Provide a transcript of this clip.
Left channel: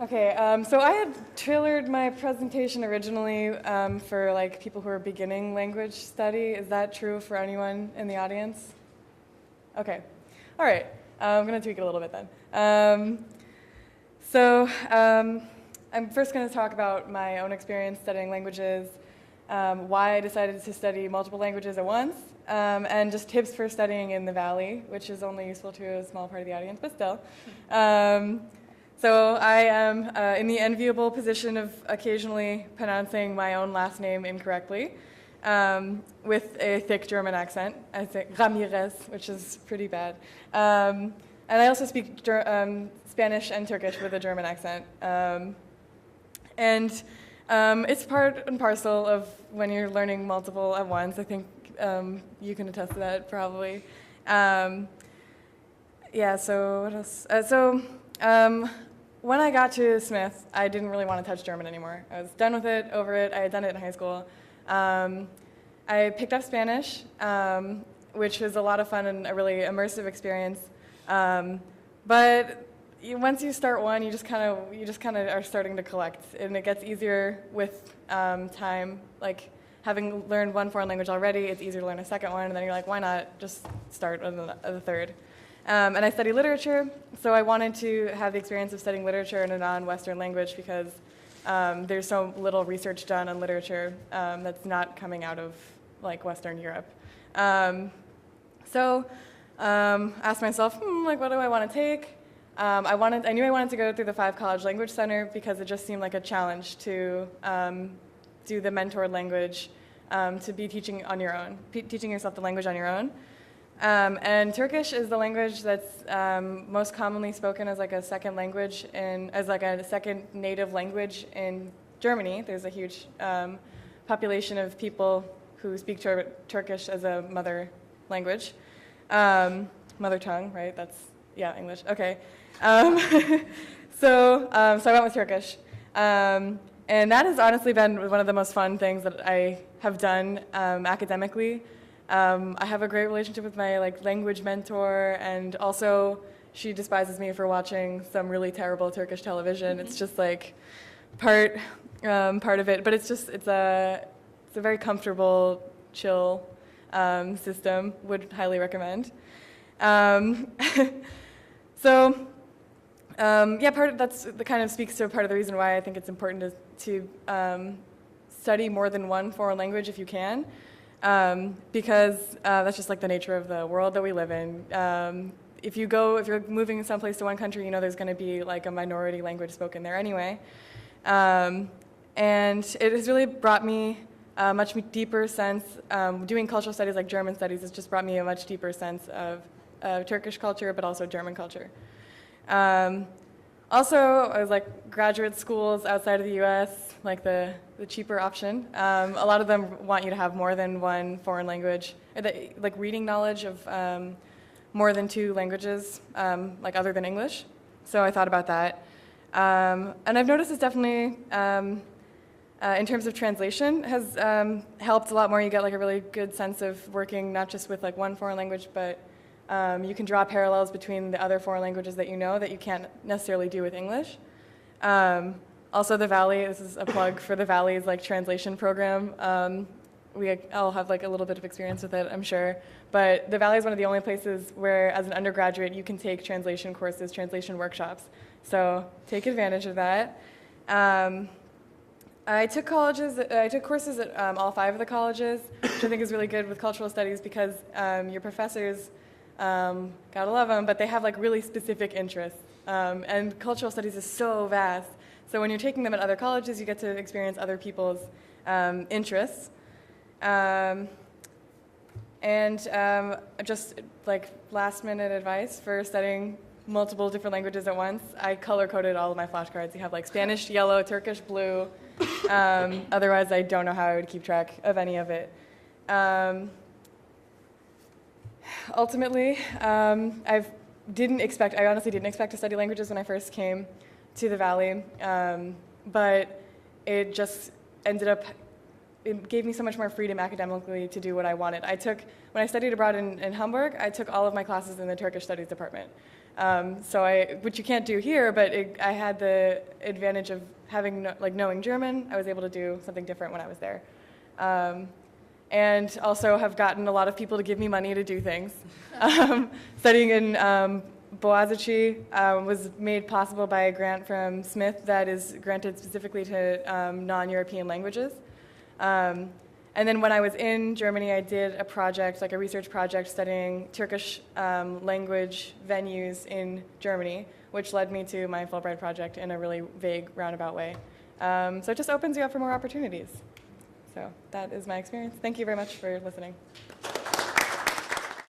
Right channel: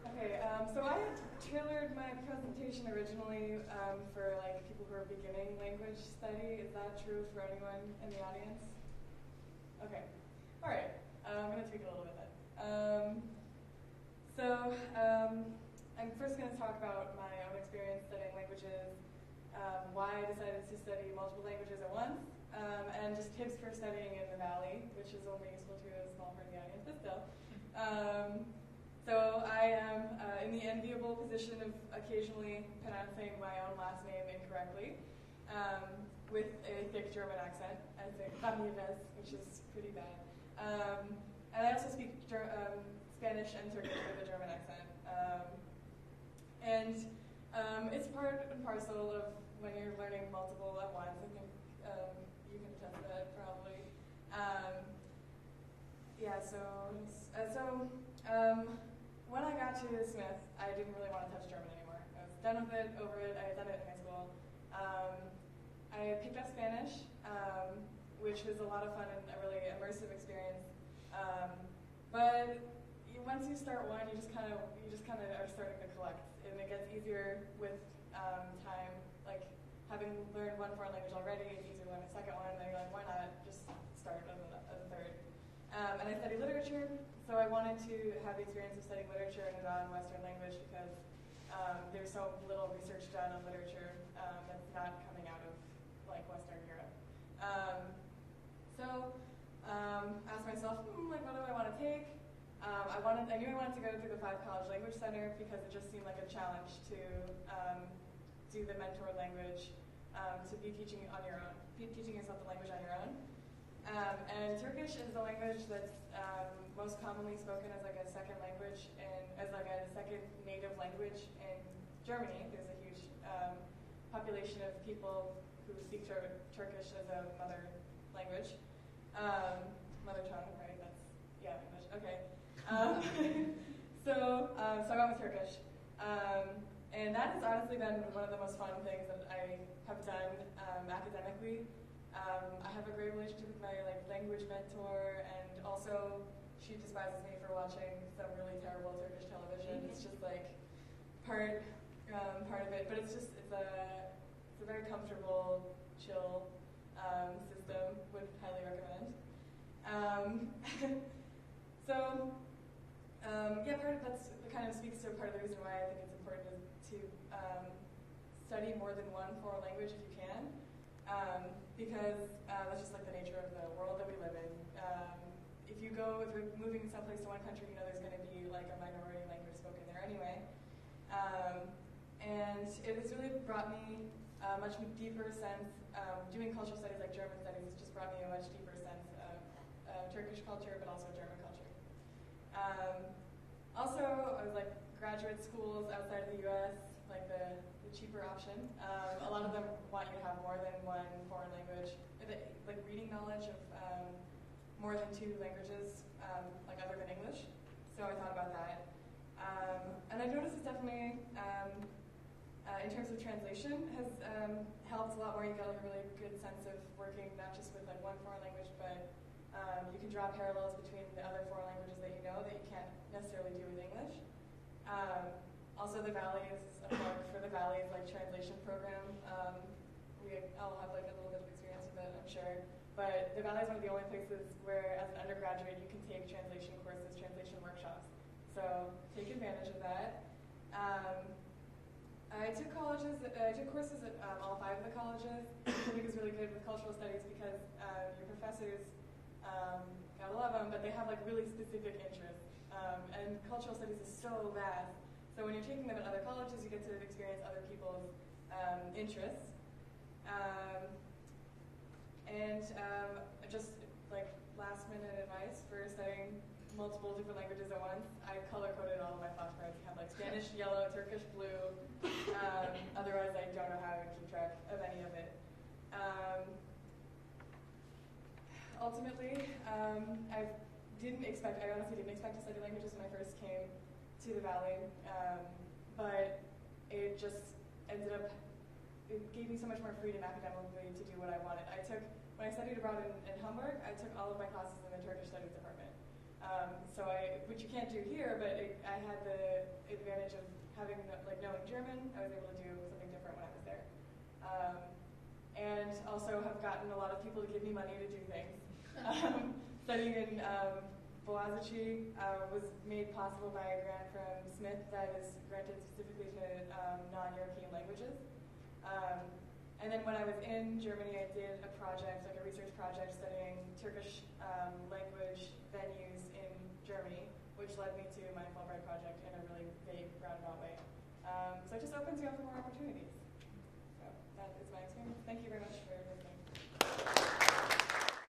Okay, so I had tailored my presentation originally for like people who are beginning language study. Is that true for anyone in the audience? Okay, all right. I'm going to tweak it a little bit then. I'm first going to talk about my own experience studying languages, why I decided to study multiple languages at once, and just tips for studying in the Valley, which is only useful to a small part of the audience, but still. So I am in the enviable position of occasionally pronouncing my own last name incorrectly with a thick German accent. I say Ramirez, which is pretty bad. And I also speak Spanish and Turkish with a German accent. It's part and parcel of when you're learning multiple at once. I think you can attest to that probably. So what else? When I got to Smith, I didn't really want to touch German anymore. I was done with it, over it. I had done it in high school. I picked up Spanish, which was a lot of fun and a really immersive experience. Once you start one, you just kind of are starting to collect, and it gets easier with time. Like having learned one foreign language already, it's easier to learn a second one, and then you're like, why not just start with the third? And I study literature, so I wanted to have the experience of studying literature in a non-Western language because there's so little research done on literature that's not coming out of like Western Europe. Asked myself, what do I want to take? I knew I wanted to go through the 5 College Language Center because it just seemed like a challenge to do the mentored language, to be teaching on your own, teaching yourself the language on your own. And Turkish is the language that's most commonly spoken as like a second language as like a second native language in Germany. There's a huge population of people who speak Turkish as a mother language, mother tongue, right? That's English. Okay. So I went with Turkish, and that has honestly been one of the most fun things that I have done academically. I have a great relationship with my language mentor, and also she despises me for watching some really terrible Turkish television. It's just like part of it, but it's a very comfortable, chill system. Would highly recommend. That kind of speaks to part of the reason why I think it's important to study more than one foreign language if you can. Because that's just like the nature of the world that we live in. If you're moving someplace to one country, there's going to be like a minority language spoken there anyway. And it has really brought me a much deeper sense, doing cultural studies like German studies has just brought me a much deeper sense of Turkish culture, but also German culture. Also, I was graduate schools outside of the US, like the cheaper option. A lot of them want you to have more than one foreign language, like reading knowledge of more than 2 languages, other than English. So I thought about that. And I've noticed it's definitely, in terms of translation, has helped a lot more. You get a really good sense of working not just with one foreign language, but you can draw parallels between the other foreign languages that that you can't necessarily do with English. Also, the Valley, this is a plug for the Valley's translation program. We all have a little bit of experience with it, I'm sure. But the Valley is one of the only places where, as an undergraduate, you can take translation courses, translation workshops. So take advantage of that. I took courses at all 5 of the colleges, which I think is really good with cultural studies because your professors, gotta love them, but they have really specific interests. And cultural studies is so vast. So when you're taking them at other colleges, you get to experience other people's interests. Just last minute advice for studying multiple different languages at once, I color-coded all of my flashcards. You have Spanish, yellow, Turkish, blue. Otherwise, I don't know how I would keep track of any of it. Ultimately, I honestly didn't expect to study languages when I first came to the Valley, but it gave me so much more freedom academically to do what I wanted. I took when I studied abroad in Hamburg, I took all of my classes in the Turkish studies department. Which you can't do here, but I had the advantage of having, knowing German. I was able to do something different when I was there. And also have gotten a lot of people to give me money to do things. Studying in Boğaziçi was made possible by a grant from Smith that is granted specifically to non-European languages. And then when I was in Germany, I did a project, like a research project, studying Turkish language venues in Germany, which led me to my Fulbright project in a really vague, roundabout way. So it just opens you up for more opportunities. So that is my experience. Thank you very much for listening.